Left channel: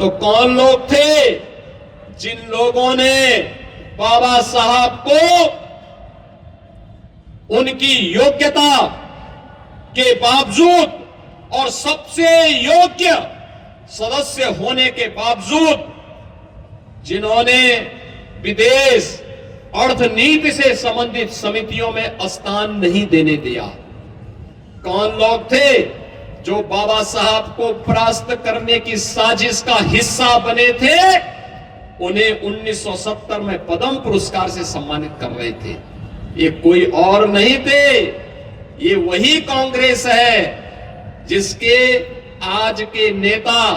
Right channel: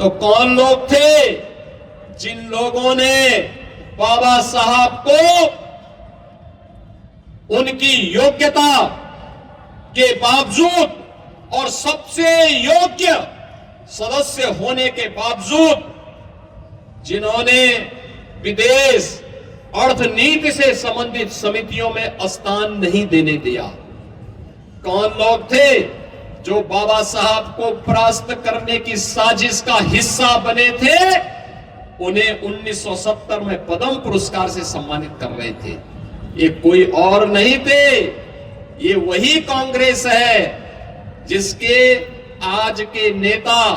तो कौन लोग थे जिन लोगों ने बाबा साहब को उनकी योग्यता के बावजूद और सबसे योग्य सदस्य होने के बावजूद जिन्होंने विदेश अर्थनीति से संबंधित समितियों में स्थान नहीं देने दिया? कौन लोग थे जो बाबा साहब को परास्त करने की साजिश का हिस्सा बने थे? उन्हें 1970 में पद्म पुरस्कार से सम्मानित कर रहे थे। ये कोई और नहीं थे, ये वही कांग्रेस है जिसके आज के नेता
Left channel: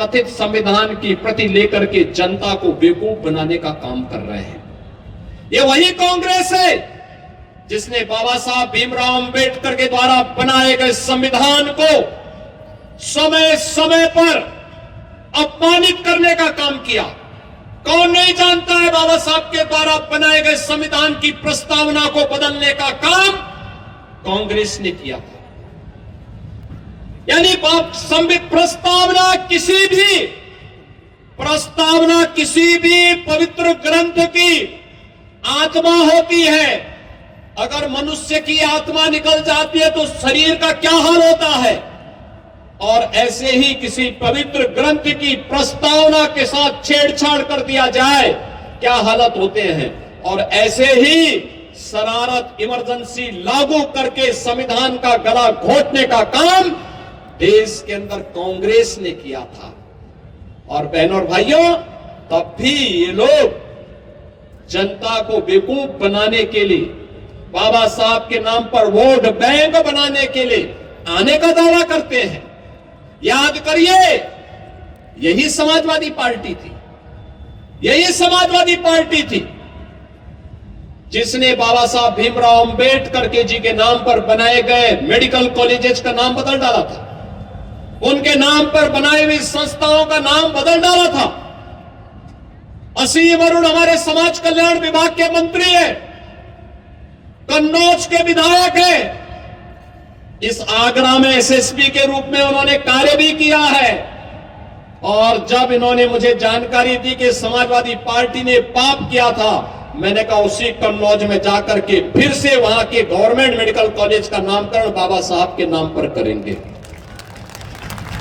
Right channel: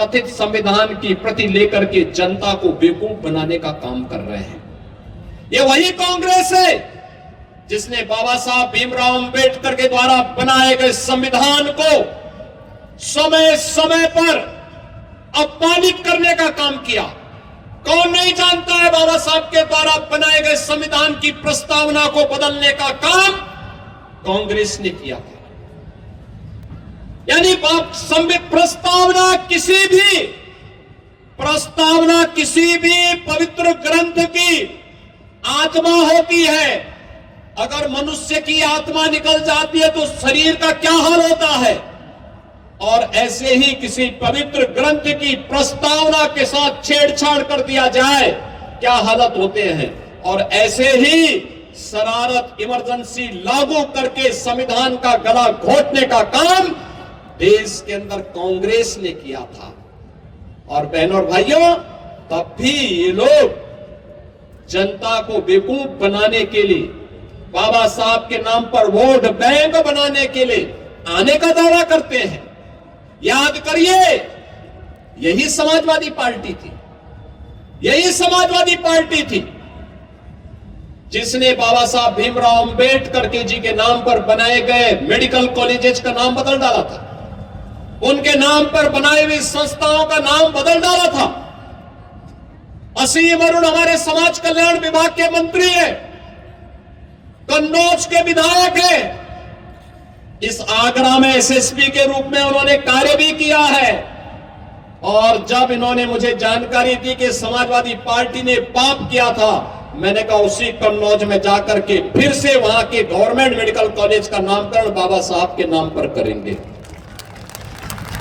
कथित संविधान की प्रति लेकर के जनता को बेवकूफ बनाने का काम कर रहे हैं। ये वही कांग्रेस है जिसने बाबा साहब भीमराव अंबेडकर के द्वारा बनाए गए संविधान को समय समय पर अपमानित करने का काम किया। कौन नहीं जानता है बाबा साहब के द्वारा बनाए गए संविधान की प्रस्तावना को बदलने का काम कांग्रेस ने किया था। यानी प्रस्तावना किसी भी पवित्र ग्रंथ की आत्मा होती है। अगर मनुष्य की आत्मा निकल जाती है तो शरीर का क्या हाल होता है, और ऐसे ही किसी पवित्र ग्रंथ की प्रस्तावना के साथ छेड़छाड़ कर दिया जाए क्या हालत होते हैं। और ऐसे ही शरारत इमरजेंसी लागू करके संविधान का गला घोटने का काम देश के अंदर कांग्रेस ने किया था। और बहनों और भाइयों, तब भी ये लोग जनता को बेवकूफ बनाने के लिए, बाबा साहब के नाम पर वोट बैंक बनाने के लिए आने का दावा करते हैं। याद करिए, यही समाजवादी पार्टी थी, यही समाजवादी पार्टी थी जिसने बाबा साहब भीमराव अंबेडकर के जी के नाम पर बनाए गए मेडिकल कॉलेजेस का नाम बदल डाला था, उनके नाम पर बनाई हुई संस्थाओं का नाम बदल डाला था। असीम अरुण हमारे समाज कल्याण विभाग के मंत्री है, कन्नौज के विधायक है, इस आगरा में एसएसपी के रूप में उन्होंने कार्य भी किया है। और जब इन्होंने मुझे जानकारी दी कि समाजवादी पार्टी ने पाप किया था, मैंने कहा उसी कन्नौज में जाकर के फिर से वहां के गवर्नमेंट मेडिकल कॉलेज का नामकरण बाबा साहब के नाम पर करेंगे।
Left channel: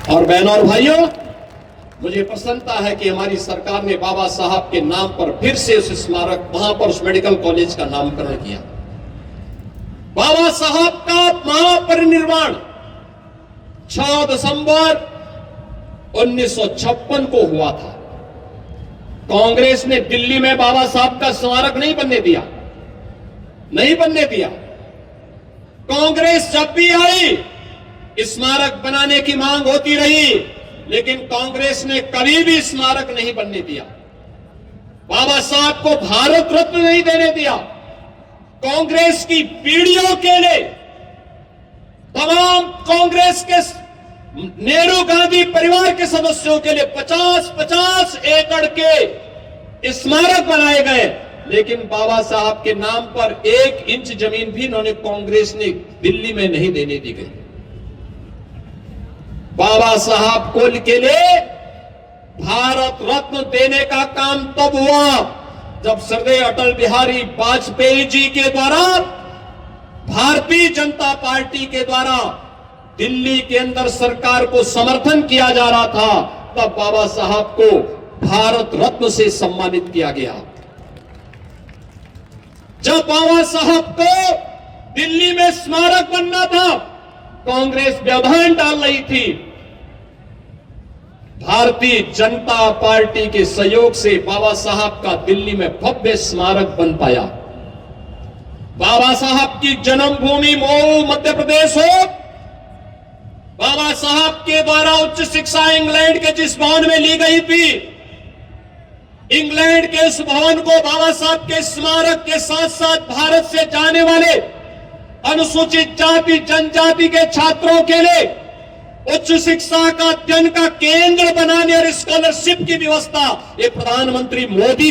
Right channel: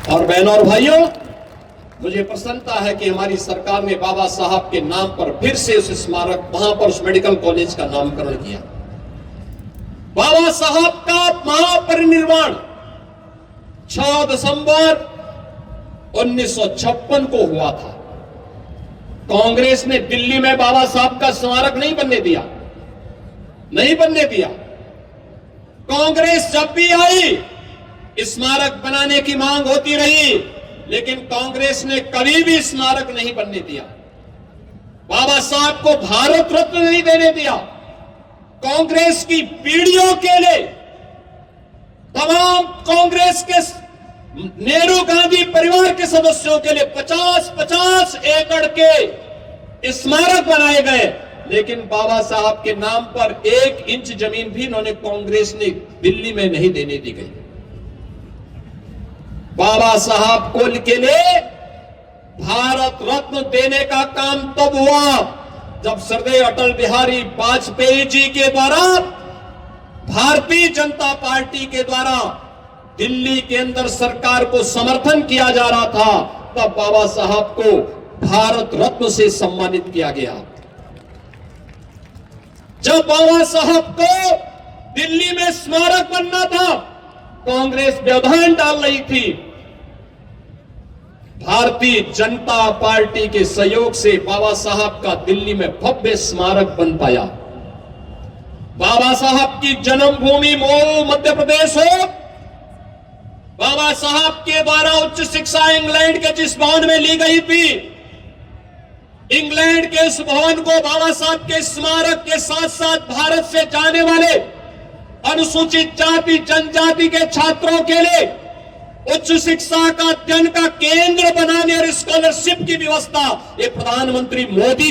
और बहनों और भाइयों, मुझे प्रसन्नता है कि हमारी सरकार ने बाबा साहब के नाम पर फिर से उस स्मारक, वहां पर उस मेडिकल कॉलेज का नामकरण किया। बाबा साहब का महापरिनिर्वाण 6 दिसंबर 1956 को हुआ था। कांग्रेस ने दिल्ली में बाबा साहब का स्मारक नहीं बनने दिया, नहीं बनने दिया। कांग्रेस जब भी आई स्मारक बनाने की मांग होती रही, लेकिन कांग्रेस ने कभी भी स्मारक नहीं बनने दिया। बाबा साहब को भारत रत्न नहीं देने दिया। कांग्रेस की पीढ़ियों के लिए तमाम कांग्रेस के नेहरू गांधी परिवार के सदस्यों के लिए 50-50 एकड़ के स्मारक बनाए गए, लेकिन बाबा साहब के नाम पर 1 इंच जमीन भी इन्होंने कांग्रेस ने दिल्ली में नहीं देने दी गई। बाबा साहब कुल के लिए भारत रत्न देने का काम तब हुआ जब श्रद्धेय अटल बिहारी वाजपेयी जी के द्वारा, भारतीय जनता पार्टी के द्वारा दिल्ली के अंदर सरकार को समर्थन किया जा रहा था। तब बाबा साहब को भारत रत्न से सम्मानित किया गया। जब बाबा साहब को दिल्ली में स्मारक बनना था, कांग्रेस व्यवधान डाल रही थी। भारतीय जनता पार्टी के सहयोग से बाबा साहब का दिल्ली में भव्य स्मारक बन पाया। बाबा साहब की जन्मभूमि मऊ मध्य प्रदेश हो, बाबा साहब के द्वारा उच्च शिक्षा इंग्लैंड के जिस भवन में ली गई थी, इंग्लैंड के उस भवन को बाबा साहब के स्मारक के साथ साथ भारत से जाने वाले अनुसूचित जाति जनजाति के छात्रों के लिए उच्च शिक्षा का अध्ययन का केंद्र बनाने और स्कॉलरशिप की व्यवस्था ये प्रधानमंत्री मोदी जी